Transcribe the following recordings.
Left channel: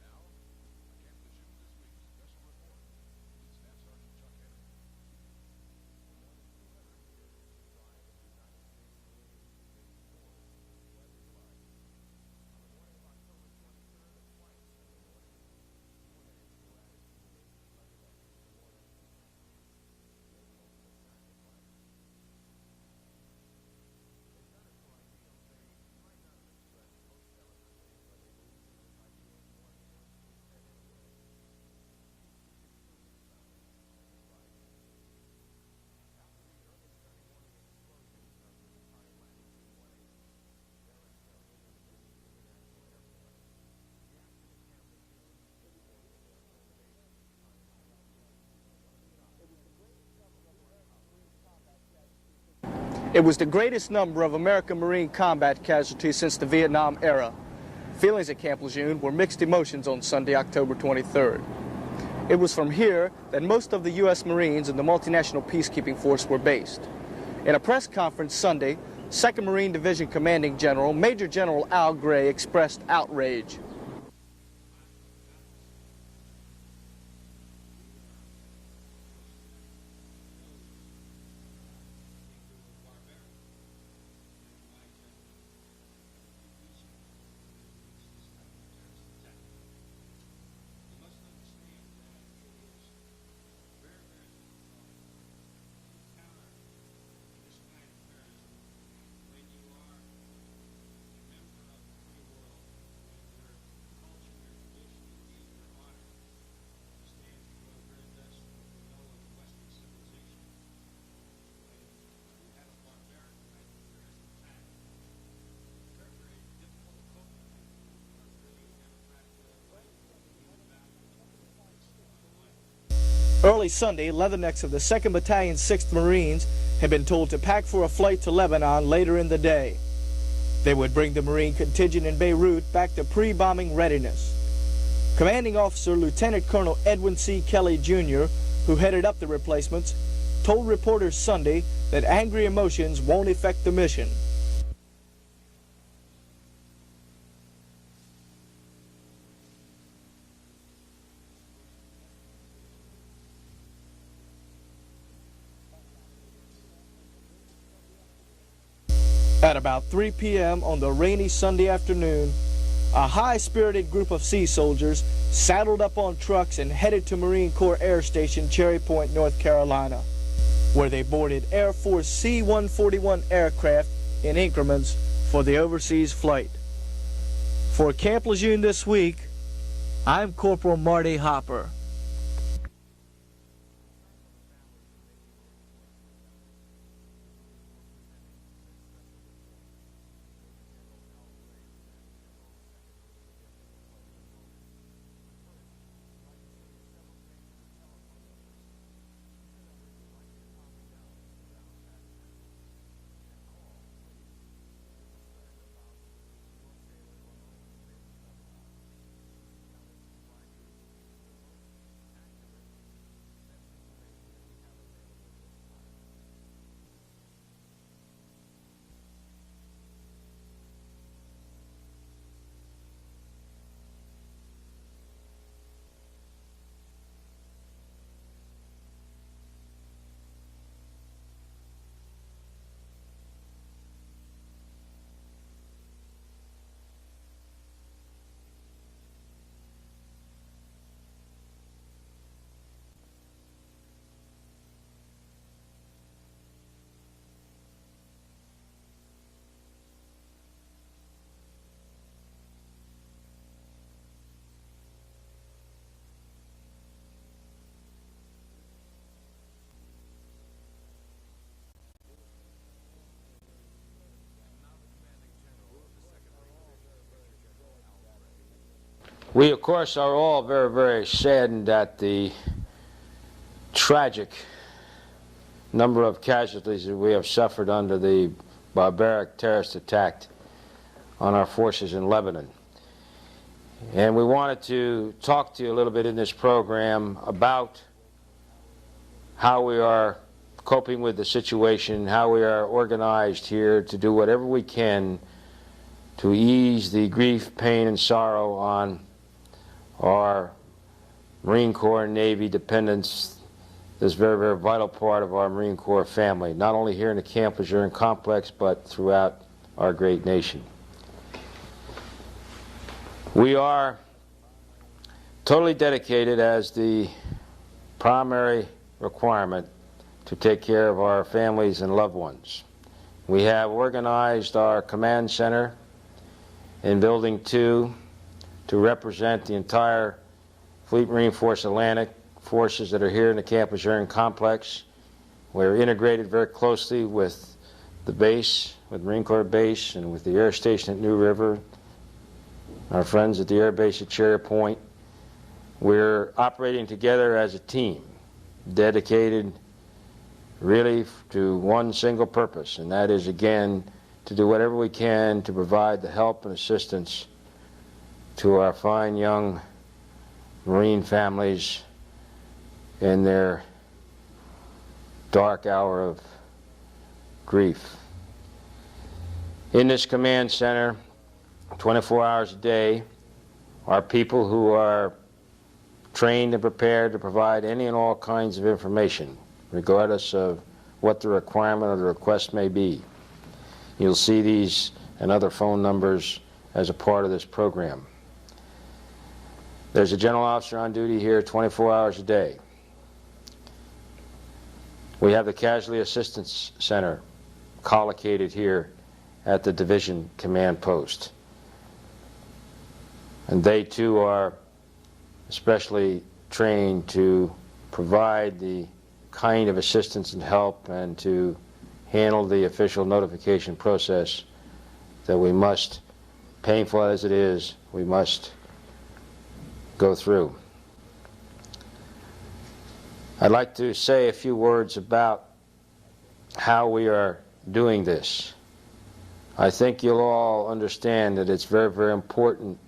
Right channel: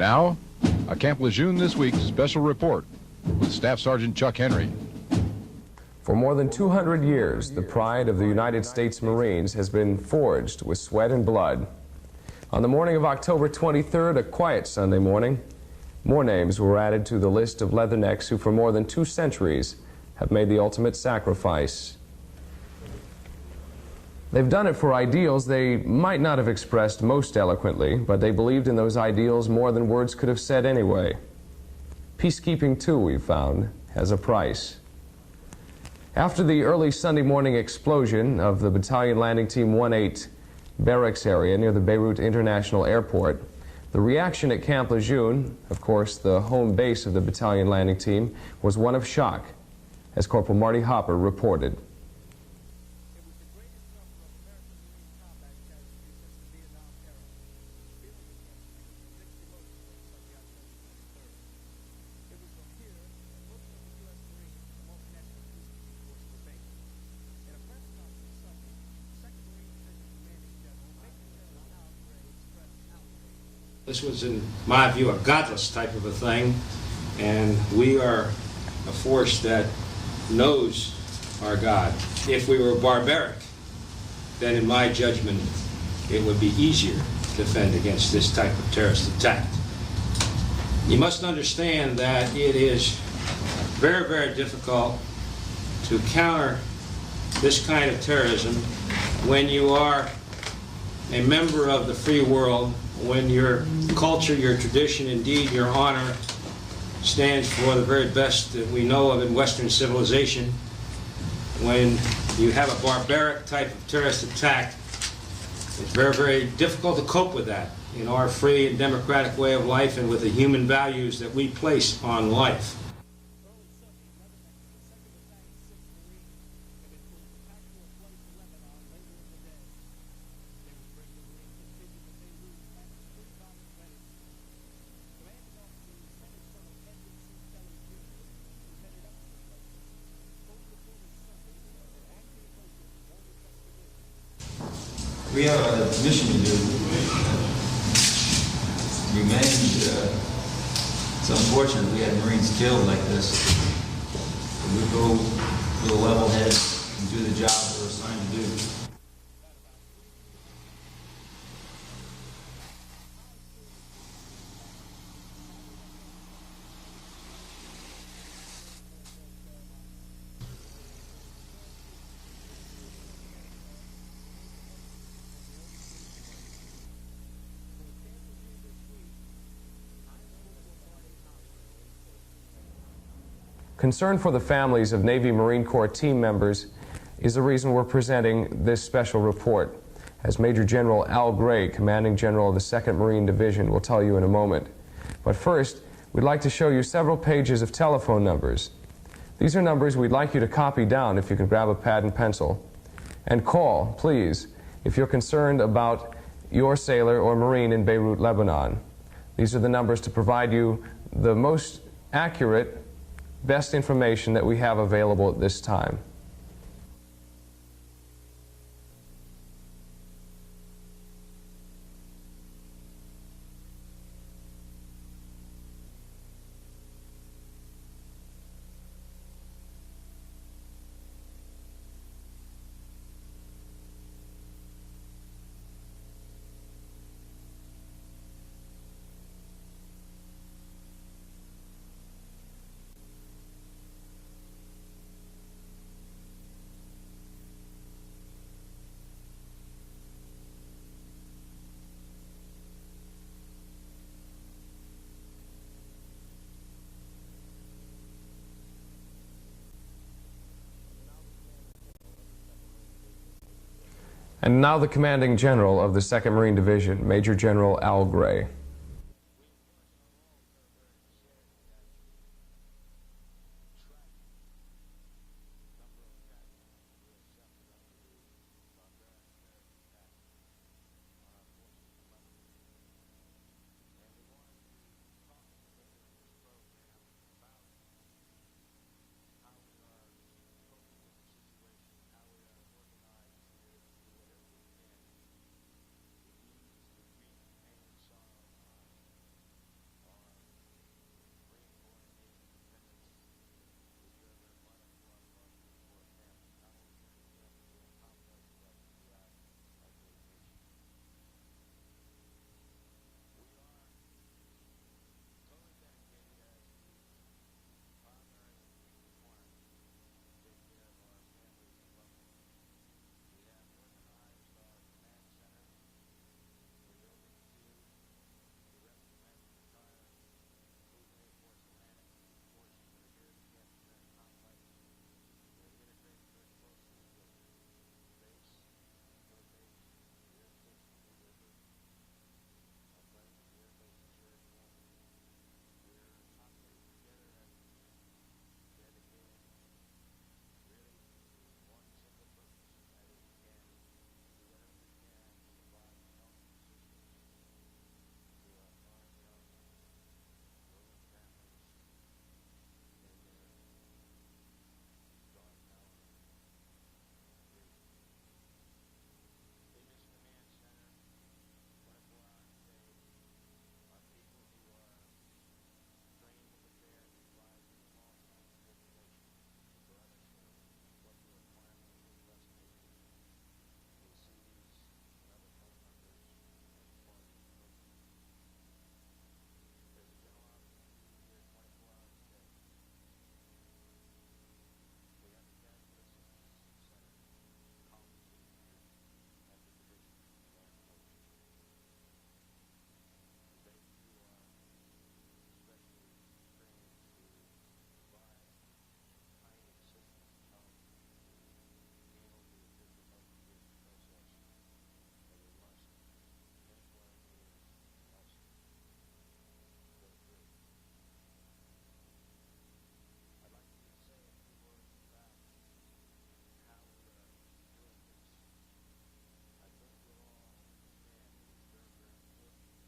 Now, a Camp Lejeune This Week special report with Staff Sergeant Chuck Henry. For more than 200 years, the pride of the United States Marines has been forged with sweat and blood. On the morning of October 23rd, a quiet Sunday morning, more names were added to the list of leathernecks who for more than 2 centuries have made the ultimate sacrifice. They've done it for ideals they might not have expressed most eloquently, but they believed in those ideals more than words could have said anyway. Peacekeeping, too, we've found, has a price. After the early Sunday morning explosion of the Battalion Landing Team 1-8 barracks area near the Beirut International Airport, the reaction at Camp Lejeune, of course the home base of the Battalion Landing Team, was one of shock, as Corporal Marty Hopper reported. It was the greatest number of American Marine combat casualties since the Vietnam era. Feelings at Camp Lejeune were mixed emotions on Sunday, October 23rd. It was from here that most of the U.S. Marines and the multinational peacekeeping force were based. In a press conference Sunday, 2nd Marine Division Commanding General, Major General Al Gray, expressed outrage. This was, in my view, a godless type of a thing, and we are a force that knows our God. If we were barbaric, then in my judgment, it would be easier to defend against this type of terrorist attack. You must understand that it is very, very difficult to counter this kind of terrorism when you are a member of the free world, when your culture, your tradition, indeed your honor stands for the very best that we know of in Western civilization. When you have a barbaric type of terrorist attack, it's very, very difficult to cope with that in our free and democratic way of life and with the human values that we place on life. Early Sunday, leathernecks of the 2nd Battalion 6th Marines had been told to pack for a flight to Lebanon later in the day. They would bring the Marine contingent in Beirut back to pre-bombing readiness. Commanding Officer Lieutenant Colonel Edwin C. Kelly, Jr., who headed up the replacements, told reporters Sunday that angry emotions won't affect the mission. We have a mission to do. Revenge. It's unfortunate we had Marines killed like this. We go with a level head and do the job we're assigned to do. At about 3 p.m. on the rainy Sunday afternoon, a high-spirited group of sea soldiers saddled up on trucks and headed to Marine Corps Air Station Cherry Point, North Carolina, where they boarded Air Force C-141 aircraft in increments for the overseas flight. For Camp Lejeune This Week, I'm Corporal Marty Hopper. Concern for the families of Navy Marine Corps team members is the reason we're presenting this special report, as Major General Al Gray, Commanding General of the 2nd Marine Division, will tell you in a moment. But first, we'd like to show you several pages of telephone numbers. These are numbers we'd like you to copy down if you can grab a pad and pencil. And call, please, if you're concerned about your sailor or Marine in Beirut, Lebanon. These are the numbers to provide you the most accurate, best information that we have available at this time. And now the Commanding General of the 2nd Marine Division, Major General Al Gray. We, of course, are all very, very saddened at the tragic number of casualties that we have suffered under the barbaric terrorist attack on our forces in Lebanon. And we wanted to talk to you a little bit in this program about how we are coping with the situation, how we are organized here to do whatever we can to ease the grief, pain, and sorrow on our Marine Corps and Navy dependents, this very, very vital part of our Marine Corps family, not only here in the Camp Lejeune complex, but throughout our great nation. We are totally dedicated as the primary requirement to take care of our families and loved ones. We have organized our command center in Building 2 to represent the entire Fleet Marine Force Atlantic forces that are here in the Camp Lejeune complex. We're integrated very closely with the base, with Marine Corps Base, and with the Air Station at New River, our friends at the Air Base at Cherry Point. We're operating together as a team, dedicated really to one single purpose, and that is, again, to do whatever we can to provide the help and assistance to our fine young Marine families in their dark hour of grief. In this command center, 24 hours a day, are people who are trained and prepared to provide any and all kinds of information, regardless of what the requirement or the request may be. You'll see these and other phone numbers as a part of this program. There's a general officer on duty here 24 hours a day. We have the Casualty Assistance Center collocated here at the Division Command Post. And they too are especially trained to provide the kind of assistance and help and to handle the official notification process that we must, painful as it is, we must go through. I'd like to say a few words about how we are doing this. I think you'll all understand that it's very, very important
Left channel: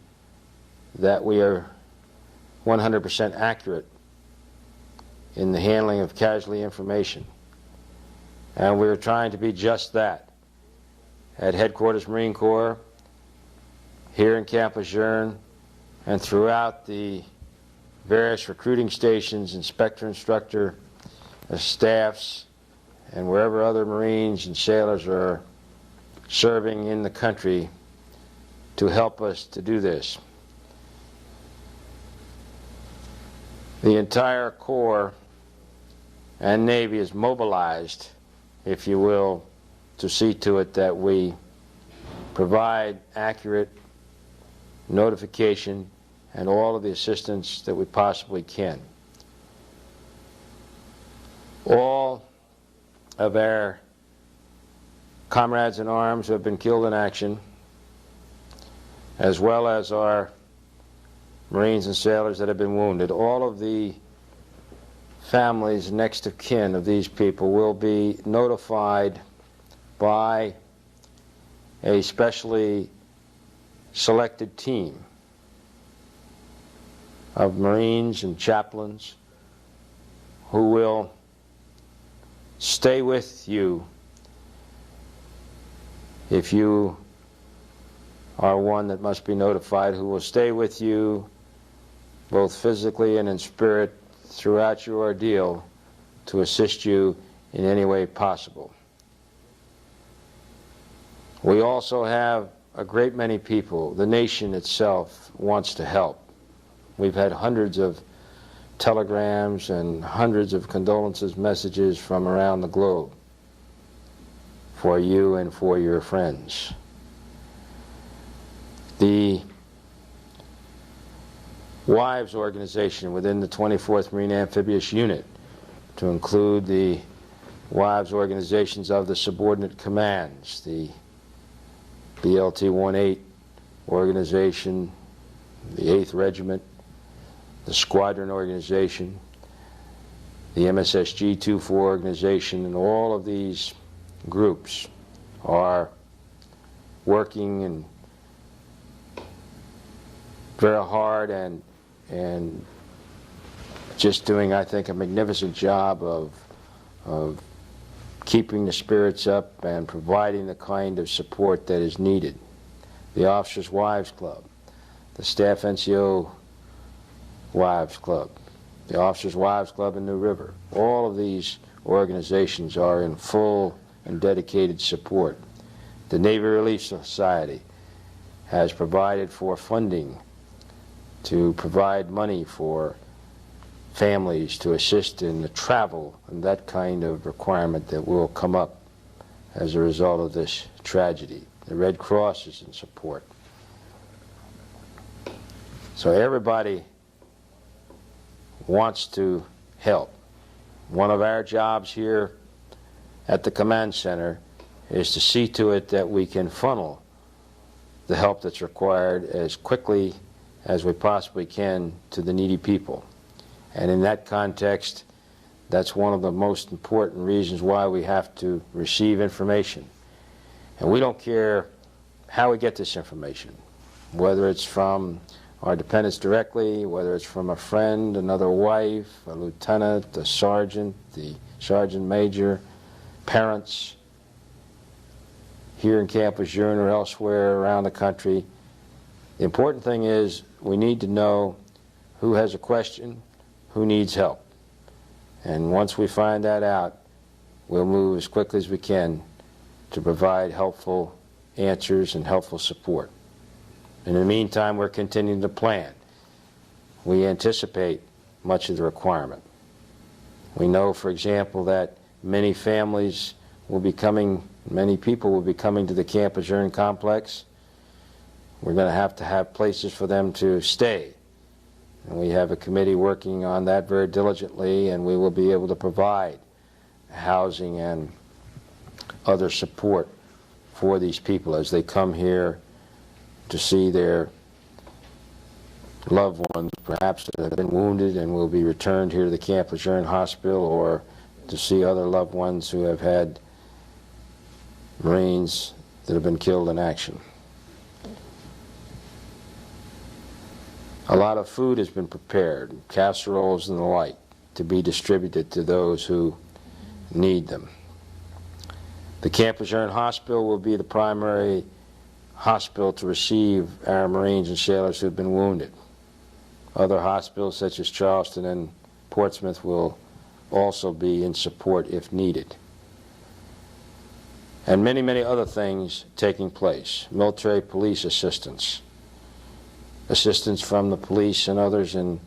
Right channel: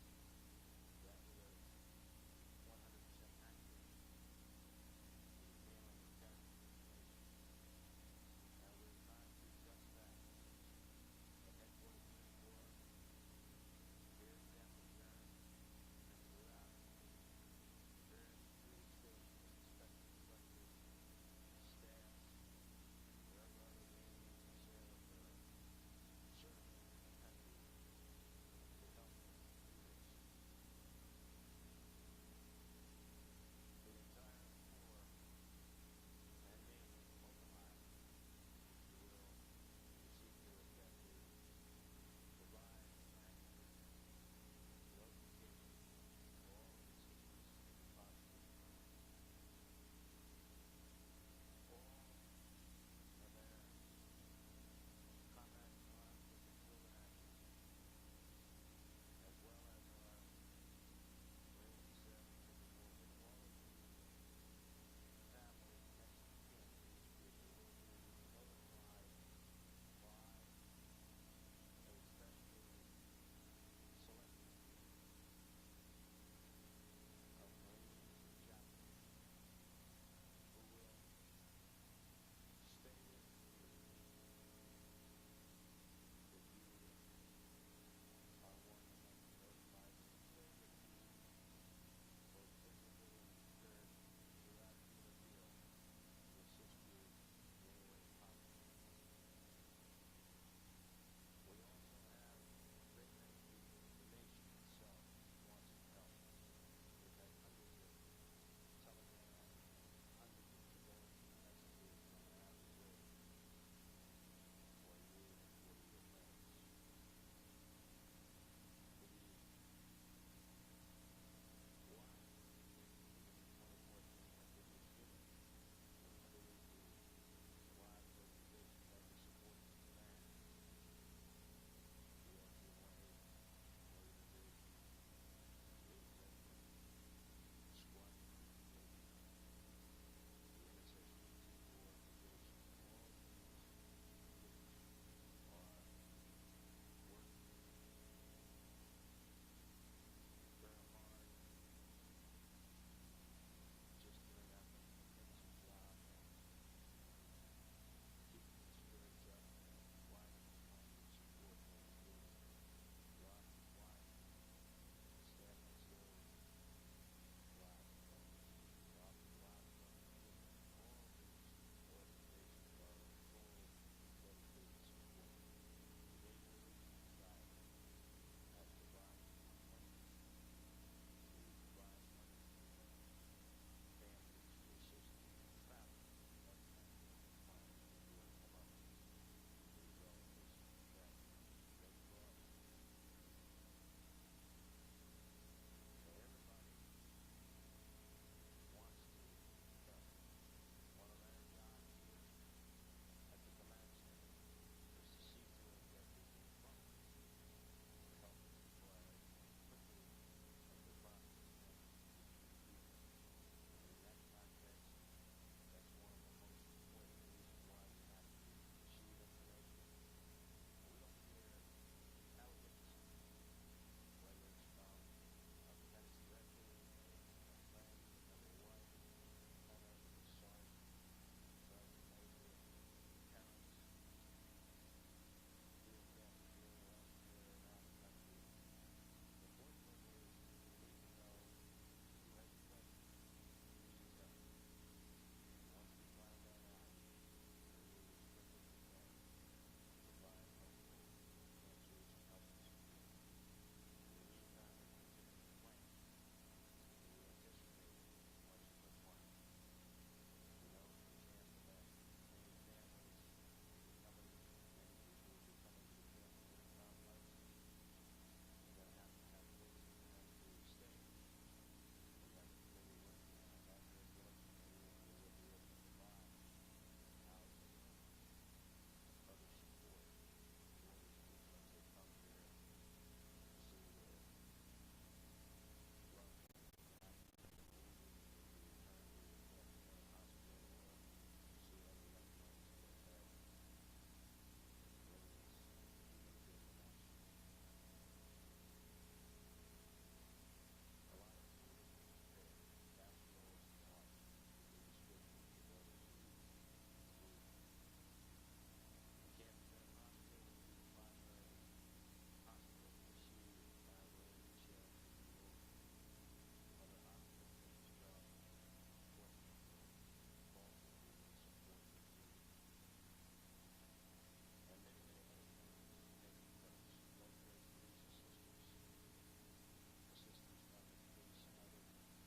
that we are 100% accurate in the handling of casualty information. And we're trying to be just that. At Headquarters Marine Corps, here in Camp Lejeune, and throughout the various recruiting stations, instructor staffs, and wherever other Marines and sailors are serving in the country to help us to do this. The entire Corps and Navy is mobilized, if you will, to see to it that we provide accurate notification and all of the assistance that we possibly can. All of our comrades in arms who have been killed in action, as well as our Marines and sailors that have been wounded, all of the families next of kin of these people will be notified by a specially selected team of Marines and chaplains who will stay with you if you are one that must be notified, who will stay with you both physically and in spirit throughout your ordeal to assist you in any way possible. We also have a great many people. The nation itself wants to help. We've had hundreds of telegrams and hundreds of condolences messages from around the globe for you and for your friends. The Wives organization within the 24th Marine Amphibious Unit, to include the wives organizations of the subordinate commands, the BLT-18 organization, the 8th Regiment, the Squadron organization, the MSSG-24 organization, and all of these groups are working and very hard and just doing, I think, a magnificent job of keeping the spirits up and providing the kind of support that is needed. The Officers' Wives Club, the Staff NCO Wives Club, the Officers' Wives Club in New River. All of these organizations are in full and dedicated support. The Navy Relief Society has provided for funding to provide money for families to assist in the travel and that kind of requirement that will come up as a result of this tragedy. The Red Cross is in support. So everybody wants to help. One of our jobs here at the command center is to see to it that we can funnel the help that's required as quickly as we possibly can to the needy people. And in that context, that's one of the most important reasons why we have to receive information. And we don't care how we get this information, whether it's from our dependents directly, whether it's from a friend, another wife, a lieutenant, a sergeant, the sergeant major, parents, here in Camp Lejeune or elsewhere around the country. The important thing is we need to know who has a question, who needs help. And once we find that out, we'll move as quickly as we can to provide helpful answers and helpful support. In the meantime, we're continuing to plan. We anticipate much of the requirement. We know, for example, that many families will be coming, many people will be coming to the Camp Lejeune complex. We're going to have places for them to stay. And we have a committee working on that very diligently, and we will be able to provide housing and other support for these people as they come here to see their loved ones, perhaps that have been wounded and will be returned here to the Camp Lejeune Hospital, or to see other loved ones who have had Marines that have been killed in action. A lot of food has been prepared, casseroles and the like, to be distributed to those who need them. The Camp Lejeune Hospital will be the primary hospital to receive our Marines and sailors who have been wounded. Other hospitals such as Charleston and Portsmouth will also be in support if needed. And many, many other things taking place. Military police assistance. Assistance from the police and others in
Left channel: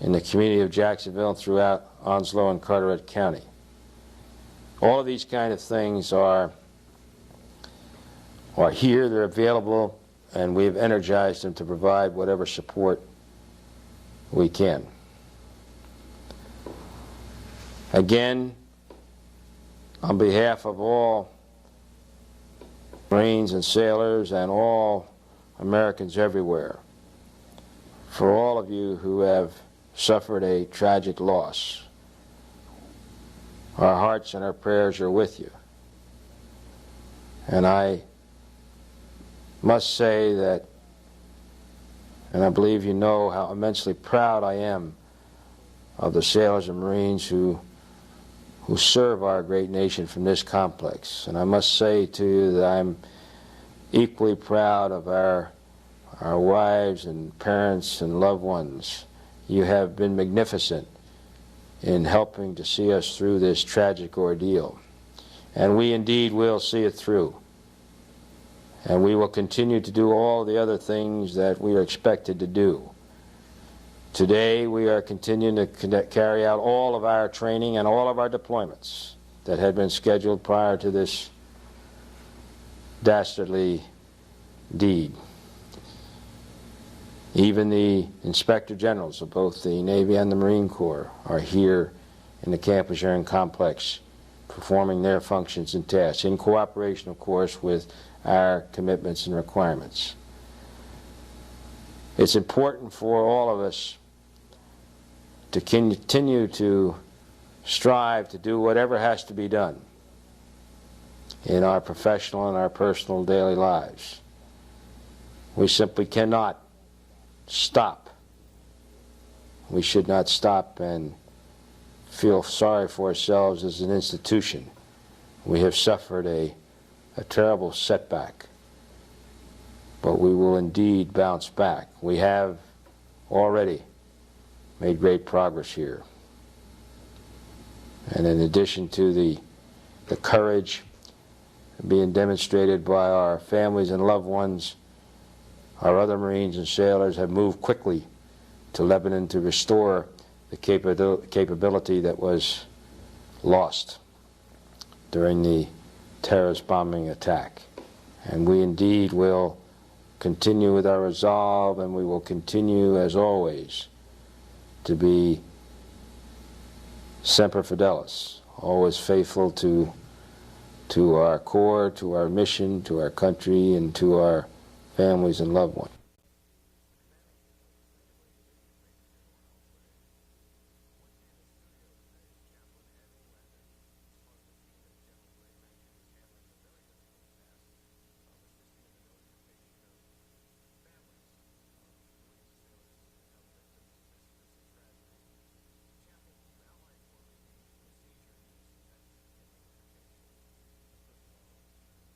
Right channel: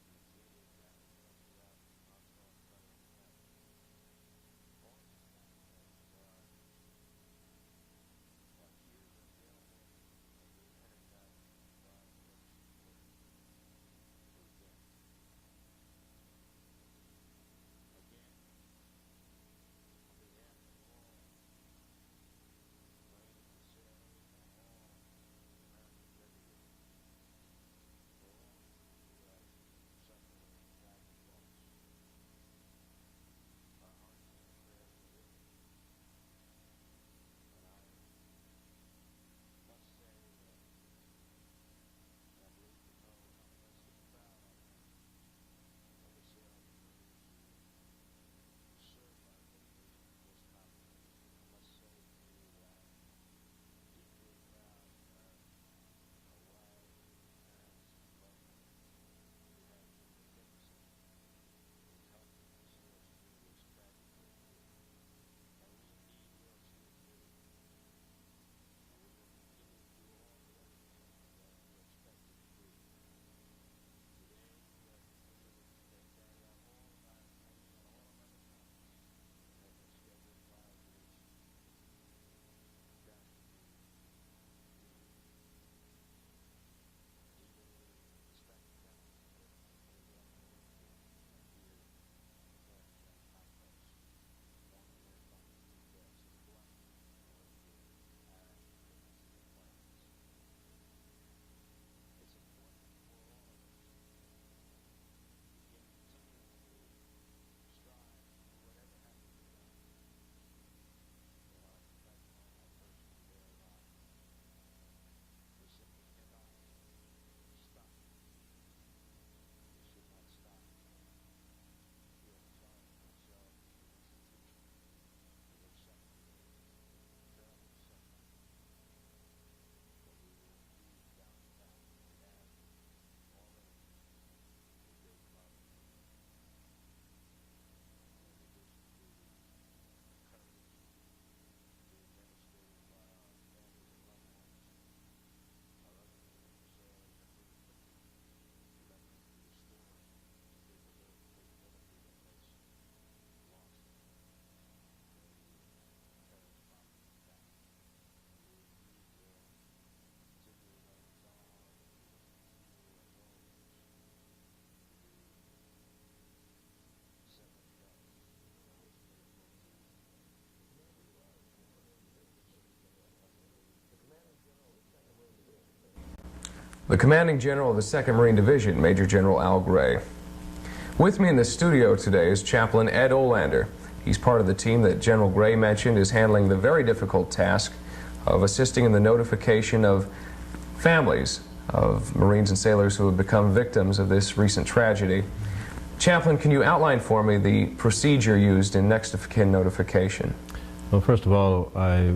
the community of Jacksonville and throughout Onslow and Carteret County. All of these kind of things are here, they're available, and we've energized them to provide whatever support we can. Again, on behalf of all Marines and sailors and all Americans everywhere, for all of you who have suffered a tragic loss, our hearts and our prayers are with you. And I must say that, and I believe you know how immensely proud I am of the sailors and Marines who serve our great nation from this complex. And I must say to you that I'm equally proud of our wives and parents and loved ones. You have been magnificent in helping to see us through this tragic ordeal. And we indeed will see it through. And we will continue to do all the other things that we are expected to do. Today we are continuing to carry out all of our training and all of our deployments that had been scheduled prior to this dastardly deed. Even the Inspector Generals of both the Navy and the Marine Corps are here in the Camp Lejeune complex performing their functions and tasks, in cooperation, of course, with our commitments and requirements. It's important for all of us to continue to strive to do whatever has to be done in our professional and our personal daily lives. We simply cannot stop. We should not stop and feel sorry for ourselves as an institution. We have suffered a terrible setback, but we will indeed bounce back. We have already made great progress here. And in addition to the courage being demonstrated by our families and loved ones, our other Marines and sailors have moved quickly to Lebanon to restore the capability that was lost during the terrorist bombing attack. And we indeed will continue with our resolve, and we will continue, as always, to be semper fidelis, always faithful to our core, to our mission, to our country, and to our families and loved ones. The Commanding General of the 2nd Marine Division, Major General Al Gray. With me in the studio today is Chaplain Ed Olander. He's part of the team that General Gray mentioned is handling the very difficult task of assisting in the notification of families of Marines and sailors who have become victims of this recent tragedy. Chaplain, can you outline for me the procedure used in next of kin notification? Well, first of all, I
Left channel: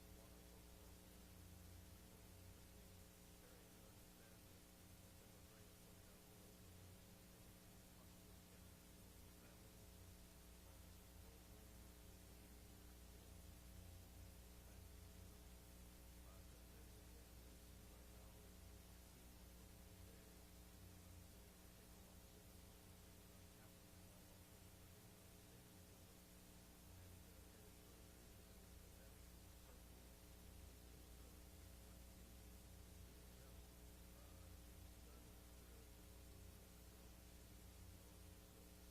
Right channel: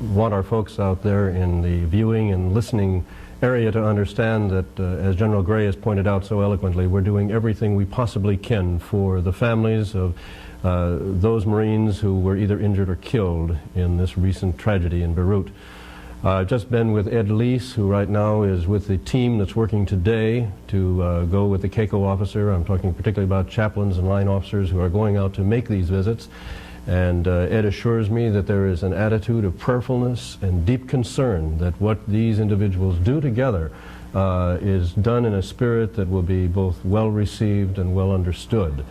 want our folks out there in the viewing and listening area to understand that, as General Gray has pointed out so eloquently, we're doing everything we possibly can for the families of those Marines who were either injured or killed in this recent tragedy in Beirut. I've just been with Ed Lease, who right now is with the team that's working today to go with the CACO officer. I'm talking particularly about chaplains and line officers who are going out to make these visits. And Ed assures me that there is an attitude of prayerfulness and deep concern that what these individuals do together is done in a spirit that will be both well received and well understood.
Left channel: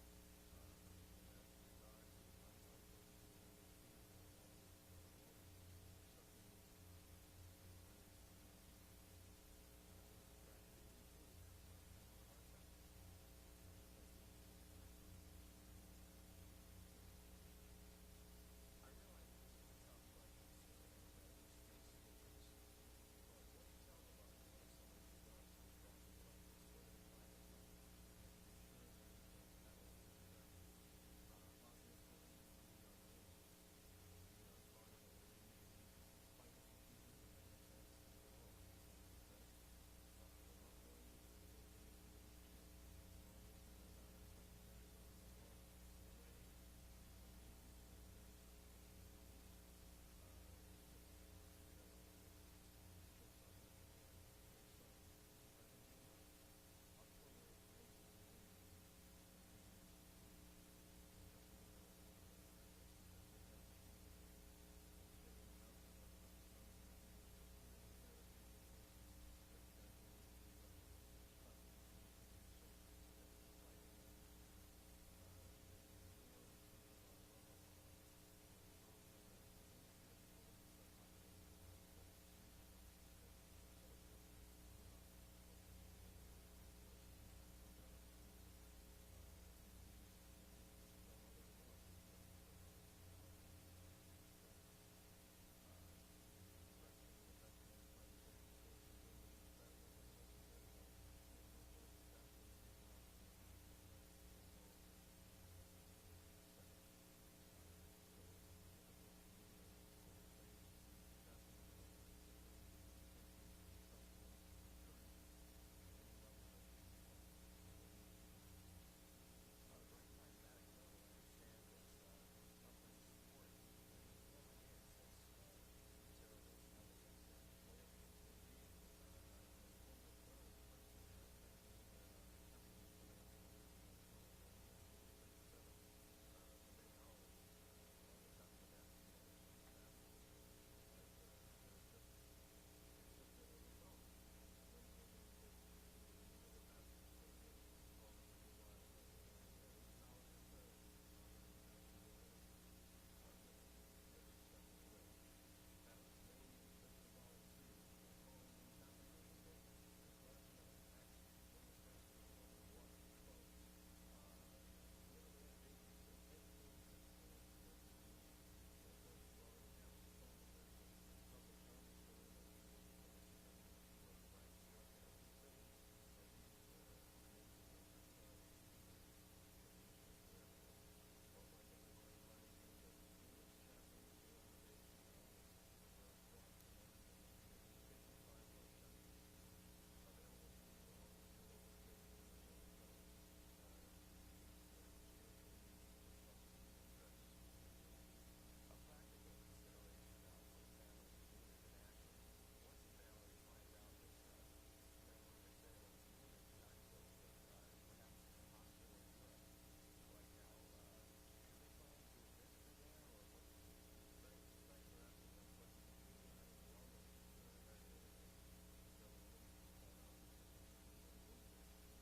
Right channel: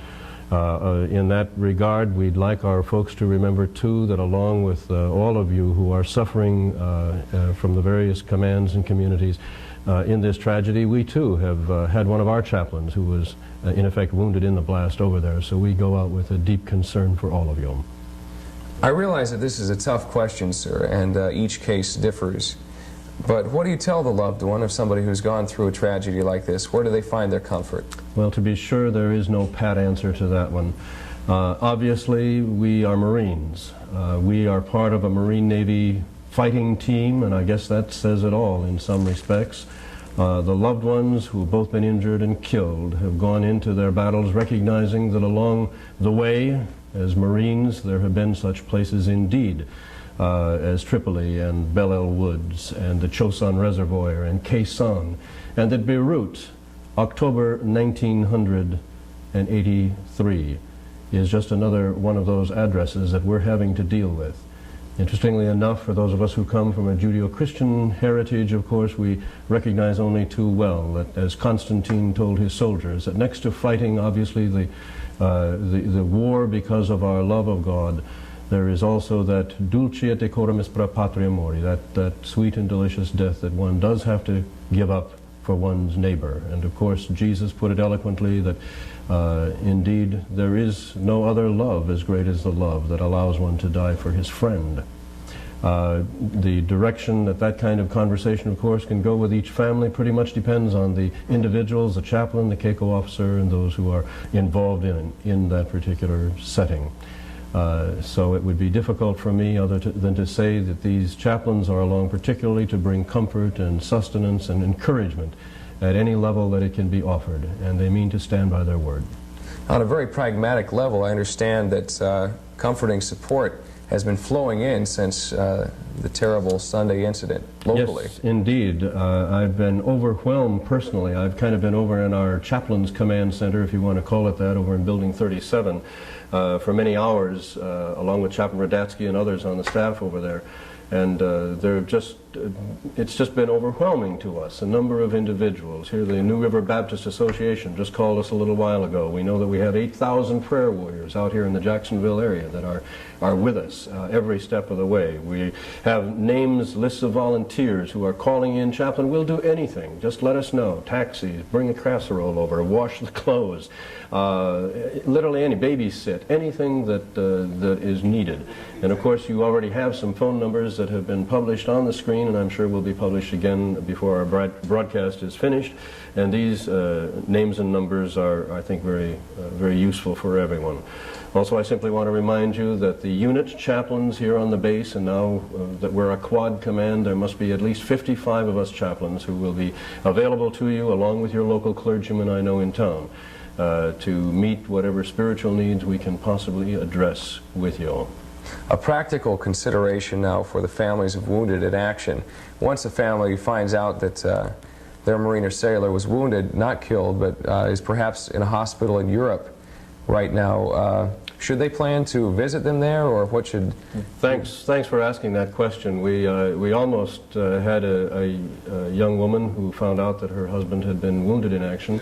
In that regard, we'd like our folks to remember, too, that along with all of you who are suffering from the various commands and communities in this tragedy, we, too, have had one of our chaplains who was, in effect, wounded in the blast over there. So we go out with a deep concern for all of you. I realize that this is a tough question, sir, and each case differs. But what do you tell the loved one of somebody who's gone through a tragedy like this? Where do they find their comfort? Well, to be sure, there is no pat answer to that one. Obviously, we are Marines. We are part of a Marine Navy fighting team, and I guess that says it all in some respects. The loved ones who have both been injured and killed have gone into their battles recognizing that along the way, as Marines, there have been such places indeed. As Tripoli and Bel El Woods and the Chosin Reservoir and Khe Sanh, and that Beirut, October 1983, is just another one of those addresses that we're having to deal with. Interestingly enough, for those of us who come from a Judeo-Christian heritage, of course, we recognize only too well that, as Constantine told his soldiers, that next to fighting, obviously, the war because of our love of God, there is also that dulce et decorum est pro patria mori, that sweet and delicious death that one does have to give up for one's neighbor. And of course, Jesus put it eloquently that indeed there is no other love as great as the love that allows one to die for his friend. The direction that kind of conversation, of course, can go with each family pretty much depends on the individuals, the chaplain, the CACO officer, and those who are involved in that particular setting. So it would be difficult for me than to say that these chaplains are along particularly to bring comfort and sustenance and encouragement at any level that it can be offered, and they mean to stand by their word. On a very pragmatic level, I understand that comforting support has been flowing in since the terrible Sunday incident locally. Yes, indeed. I've been overwhelmed personally. I've kind of been over in our Chaplains Command Center, if you want to call it that, over in Building 37 for many hours, along with Chaplain Radatsky and others on the staff over there. And it's just been overwhelming to us. A number of individuals here, the New River Baptist Association just called us a little while ago. We know that we have 8,000 prayer warriors out here in the Jacksonville area that are with us every step of the way. We have names, lists of volunteers who are calling in, Chaplain, we'll do anything. Just let us know. Taxis, bring a casserole over, wash the clothes, literally any, babysit, anything that is needed. And of course, you already have some phone numbers that have been published on the screen magazine, and I'm sure will be published again before our broadcast is finished. And these names and numbers are, I think, very useful for everyone. Also, I simply want to remind you that the unit chaplains here on the base, and now that we're a quad command, there must be at least 55 of us chaplains who will be available to you, along with your local clergyman I know in town, to meet whatever spiritual needs we can possibly address with you all. A practical consideration now for the families of wounded in action. Once a family finds out that their Marine or sailor was wounded, not killed, but is perhaps in a hospital in Europe right now, should they plan to visit them there, or what should... Thanks for asking that question. We almost had a young woman who found out that her husband had been wounded in action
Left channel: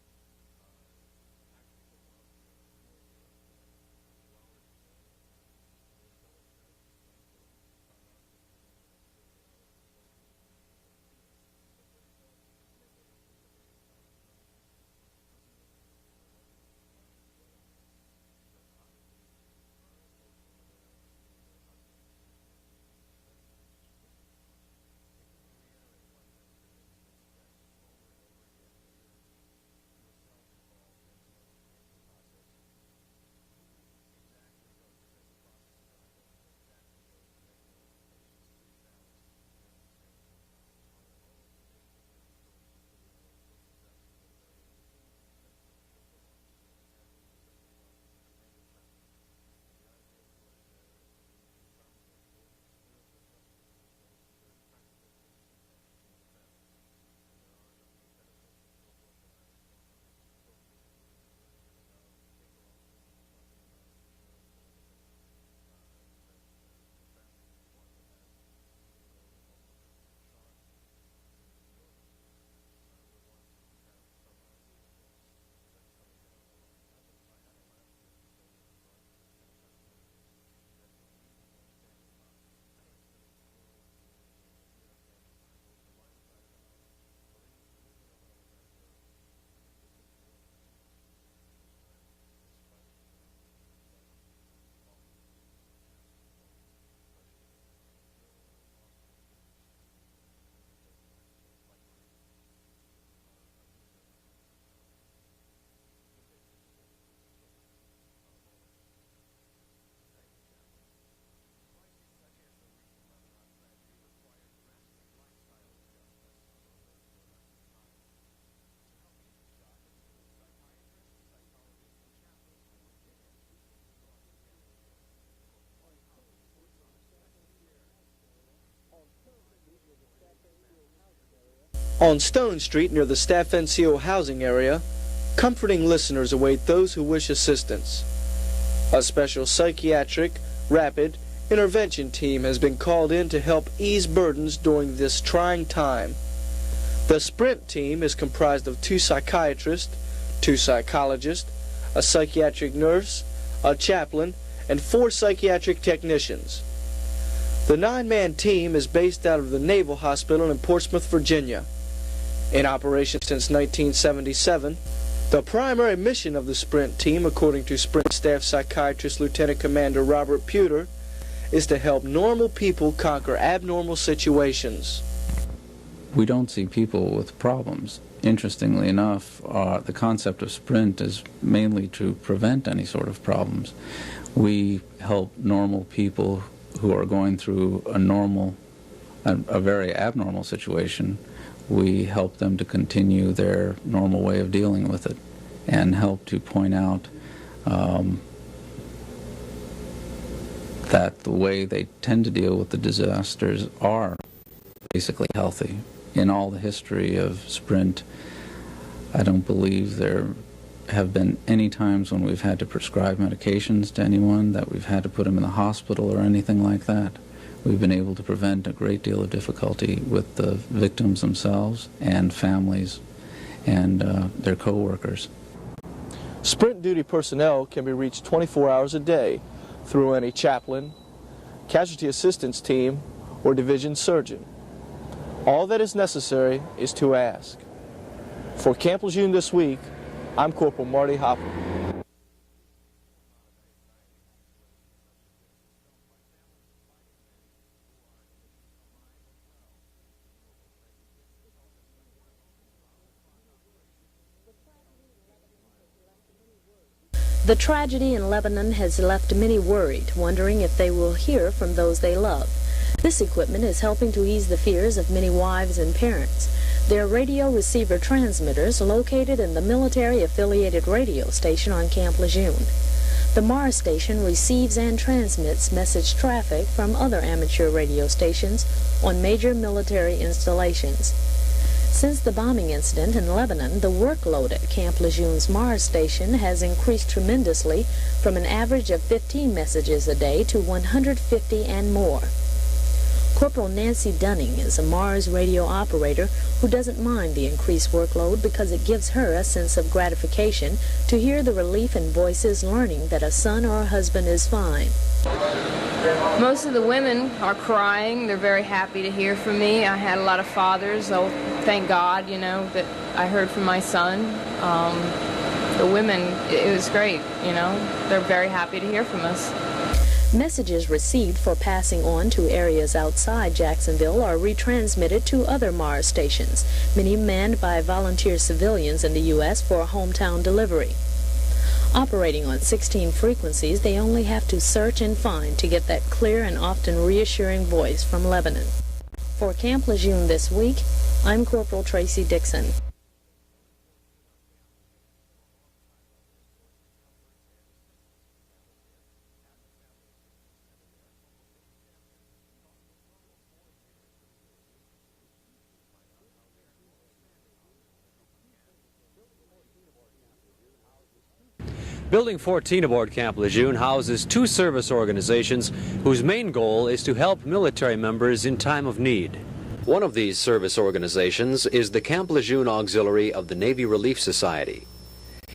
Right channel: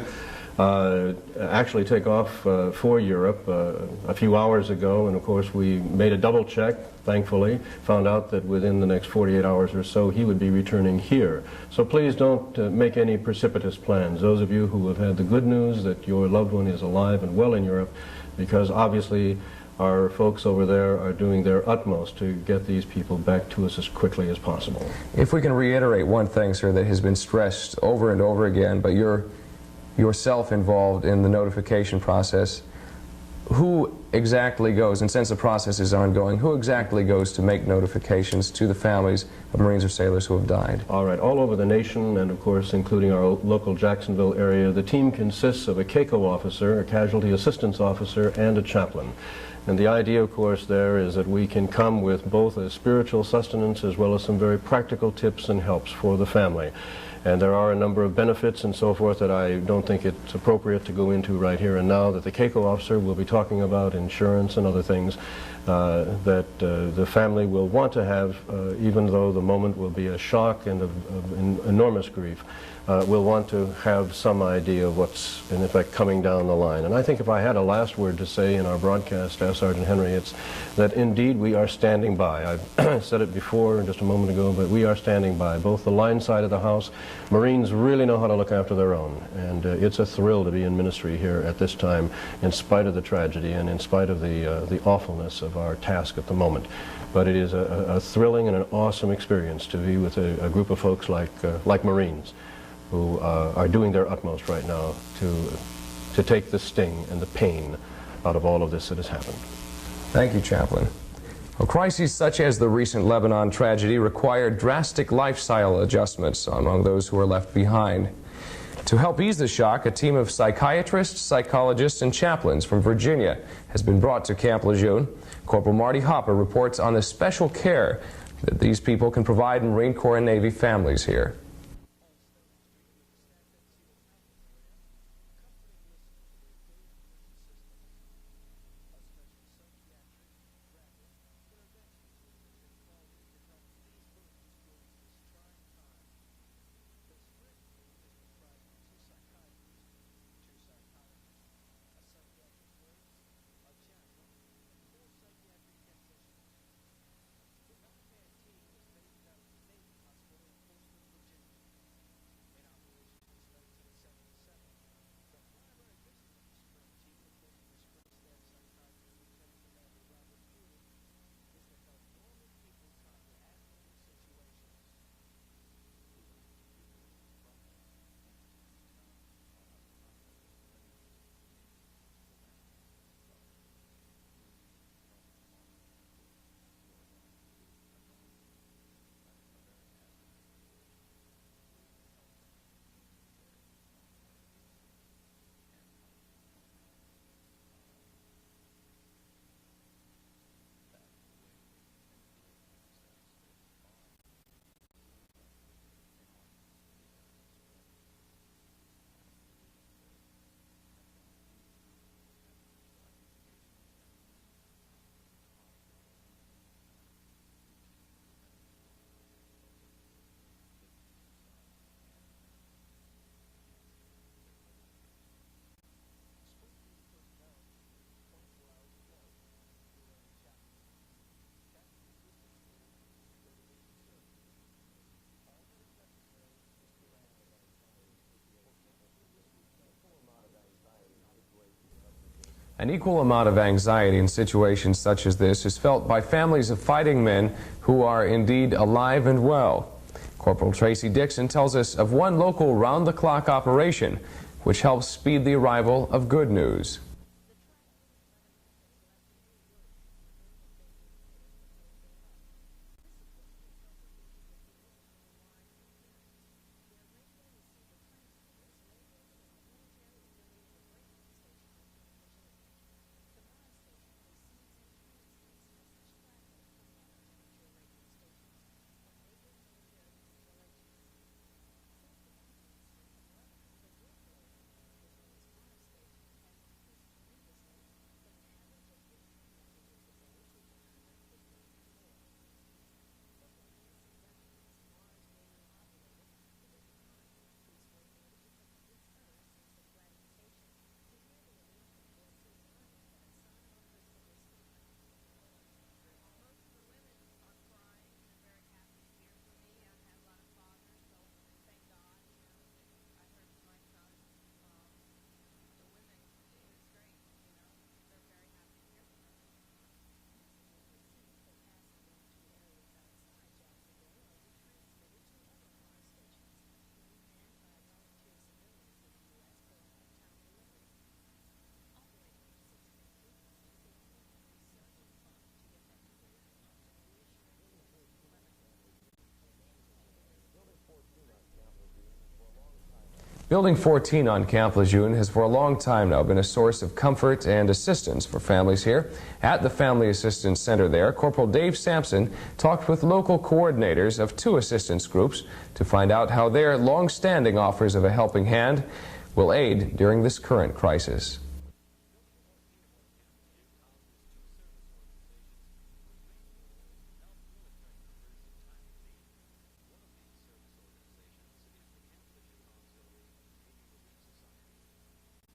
actually take off for Europe a few hours ago, and of course we made a double check, thankfully, found out that within the next 48 hours or so he would be returning here. So please don't make any precipitous plans, those of you who have had the good news that your loved one is alive and well in Europe, because obviously our folks over there are doing their utmost to get these people back to us as quickly as possible. If we can reiterate one thing, sir, that has been stressed over and over again, but you're yourself involved in the notification process, who exactly goes, and since the process is ongoing, who exactly goes to make notifications to the families of Marines or sailors who have died? All right, all over the nation, and of course including our local Jacksonville area, the team consists of a CACO officer, a casualty assistance officer, and a chaplain. And the idea, of course, there is that we can come with both a spiritual sustenance as well as some very practical tips and helps for the family. And there are a number of benefits and so forth that I don't think it's appropriate to go into right here and now, that the CACO officer will be talking about, insurance and other things that the family will want to have, even though the moment will be a shock and of enormous grief. We'll want to have some idea of what's, in effect, coming down the line. And I think if I had a last word to say in our broadcast, Staff Sergeant Henry, it's that indeed we are standing by. I said it before just a moment ago, but we are standing by. Both the line side of the house, Marines really know how to look after their own. And it's a thrill to be in ministry here at this time, in spite of the tragedy and in spite of the awfulness of our task at the moment. But it is a thrilling and an awesome experience to be with a group of folks like Marines, who are doing their utmost right now to take the sting and the pain out of all of this that has happened. Thank you, Chaplain. Well, crises such as the recent Lebanon tragedy require drastic lifestyle adjustments among those who are left behind. To help ease the shock, a team of psychiatrists, psychologists, and chaplains from Virginia has been brought to Camp Lejeune. Corporal Marty Hopper reports on the special care that these people can provide Marine Corps and Navy families here. On Stone Street, near the Staff NCO housing area, comforting listeners await those who wish assistance. A special psychiatric, rapid, intervention team has been called in to help ease burdens during this trying time. The Sprint team is comprised of 2 psychiatrists, 2 psychologists, a psychiatric nurse, a chaplain, and 4 psychiatric technicians. The 9-man team is based out of the Naval Hospital in Portsmouth, Virginia. In operation since 1977, the primary mission of the Sprint team, according to Sprint Staff Psychiatrist Lieutenant Commander Robert Pewter, is to help normal people conquer abnormal situations. We don't see people with problems. Interestingly enough, the concept of Sprint is mainly to prevent any sort of problems. We help normal people who are going through a very abnormal situation. We help them to continue their normal way of dealing with it and help to point out that the way they tend to deal with the disasters are basically healthy. In all the history of Sprint, I don't believe there have been any times when we've had to prescribe medications to anyone, that we've had to put them in the hospital or anything like that. We've been able to prevent a great deal of difficulty with the victims themselves and families and their co-workers. Sprint duty personnel can be reached 24 hours a day through any chaplain, casualty assistance team, or division surgeon. All that is necessary is to ask. For Camp Lejeune this week, I'm Corporal Marty Hopper. An equal amount of anxiety in situations such as this is felt by families of fighting men who are indeed alive and well. Corporal Tracy Dixon tells us of one local round-the-clock operation which helps speed the arrival of good news. The tragedy in Lebanon has left many worried, wondering if they will hear from those they love. This equipment is helping to ease the fears of many wives and parents. They're radio receiver transmitters located in the military-affiliated radio station on Camp Lejeune. The Mars station receives and transmits message traffic from other amateur radio stations on major military installations. Since the bombing incident in Lebanon, the workload at Camp Lejeune's Mars station has increased tremendously from an average of 15 messages a day to 150 and more. Corporal Nancy Dunning is a Mars radio operator who doesn't mind the increased workload because it gives her a sense of gratification to hear the relief in voices learning that a son or a husband is fine. Most of the women are crying. They're very happy to hear from me. I had a lot of fathers. Oh, thank God, you know, that I heard from my son. The women, it was great, you know. They're very happy to hear from us. Messages received for passing on to areas outside Jacksonville are retransmitted to other Mars stations, many manned by volunteer civilians in the U.S. for hometown delivery. Operating on 16 frequencies, they only have to search and find to get that clear and often reassuring voice from Lebanon. For Camp Lejeune this week, I'm Corporal Tracy Dixon. Building 14 on Camp Lejeune has for a long time now been a source of comfort and assistance for families here. At the Family Assistance Center there, Corporal Dave Sampson talked with local coordinators of 2 assistance groups to find out how their long-standing offers of a helping hand will aid during this current crisis. Building 14 aboard Camp Lejeune houses 2 service organizations whose main goal is to help military members in time of need. One of these service organizations is the Camp Lejeune Auxiliary of the Navy Relief Society.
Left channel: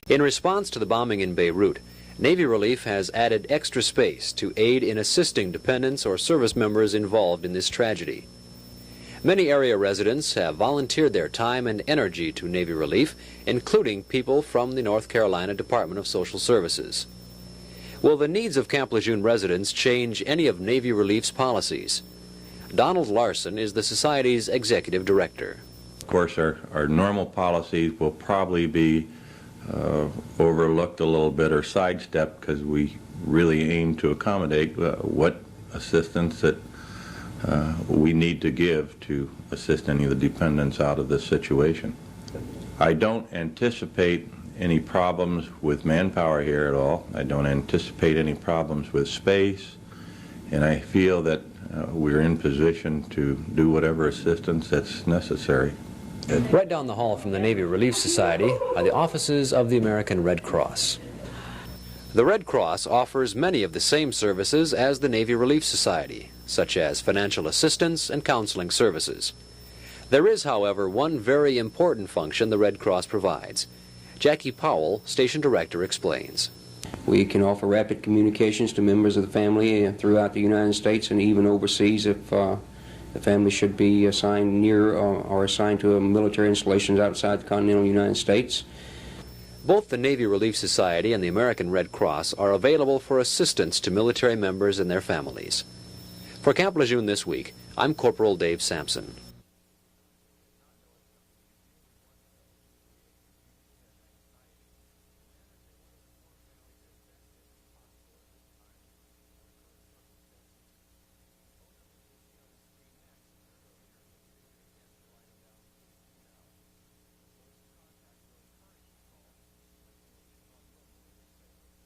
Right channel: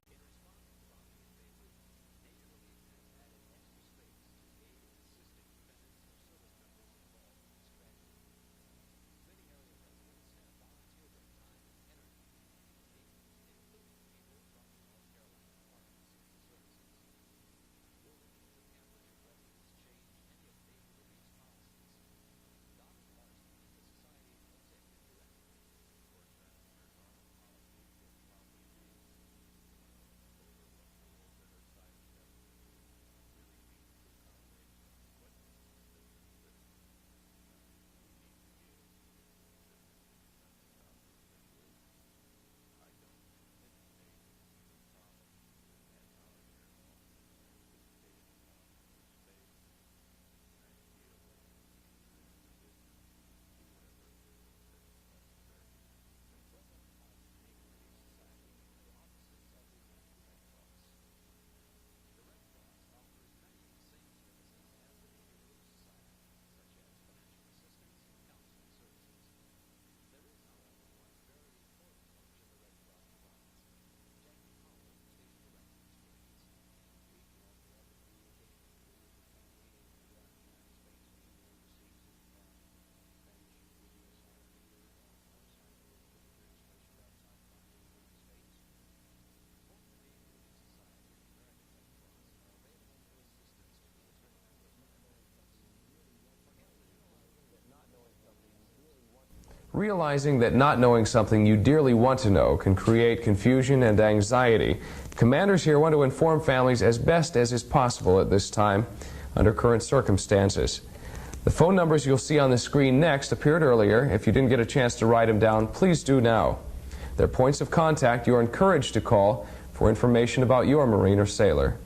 In response to the bombing in Beirut, Navy Relief has added extra space to aid in assisting dependents or service members involved in this tragedy. Many area residents have volunteered their time and energy to Navy Relief, including people from the North Carolina Department of Social Services. Will the needs of Camp Lejeune residents change any of Navy Relief's policies? Donald Larson is the Society's executive director. Of course, our normal policies will probably be overlooked a little bit or sidestepped because we really aim to accommodate what assistance that we need to give to assist any of the dependents out of this situation. I don't anticipate any problems with manpower here at all. I don't anticipate any problems with space, and I feel that we're in position to do whatever assistance that's necessary. Right down the hall from the Navy Relief Society are the offices of the American Red Cross. The Red Cross offers many of the same services as the Navy Relief Society, such as financial assistance and counseling services. There is, however, one very important function the Red Cross provides. Jackie Powell, Station Director, explains. We can offer rapid communications to members of the family throughout the United States and even overseas if the family should be assigned near or assigned to military installations outside the continental United States. Both the Navy Relief Society and the American Red Cross are available for assistance to military members and their families. For Camp Lejeune this week, I'm Corporal Dave Sampson. Realizing that not knowing something you dearly want to know can create confusion and anxiety, commanders here want to inform families as best as is possible at this time under current circumstances. The phone numbers you'll see on the screen next appeared earlier. If you didn't get a chance to write them down, please do now. They're points of contact you're encouraged to call for information about your Marine or sailor.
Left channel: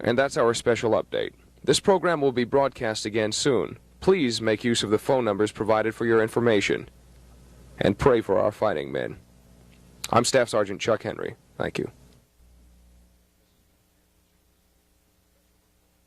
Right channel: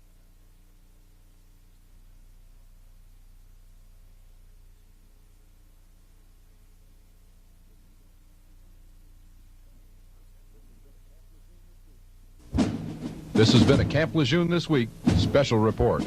And that's our special update. This program will be broadcast again soon. Please make use of the phone numbers provided for your information and pray for our fighting men. I'm Staff Sergeant Chuck Henry. Thank you. This has been a Camp Lejeune This Week special report.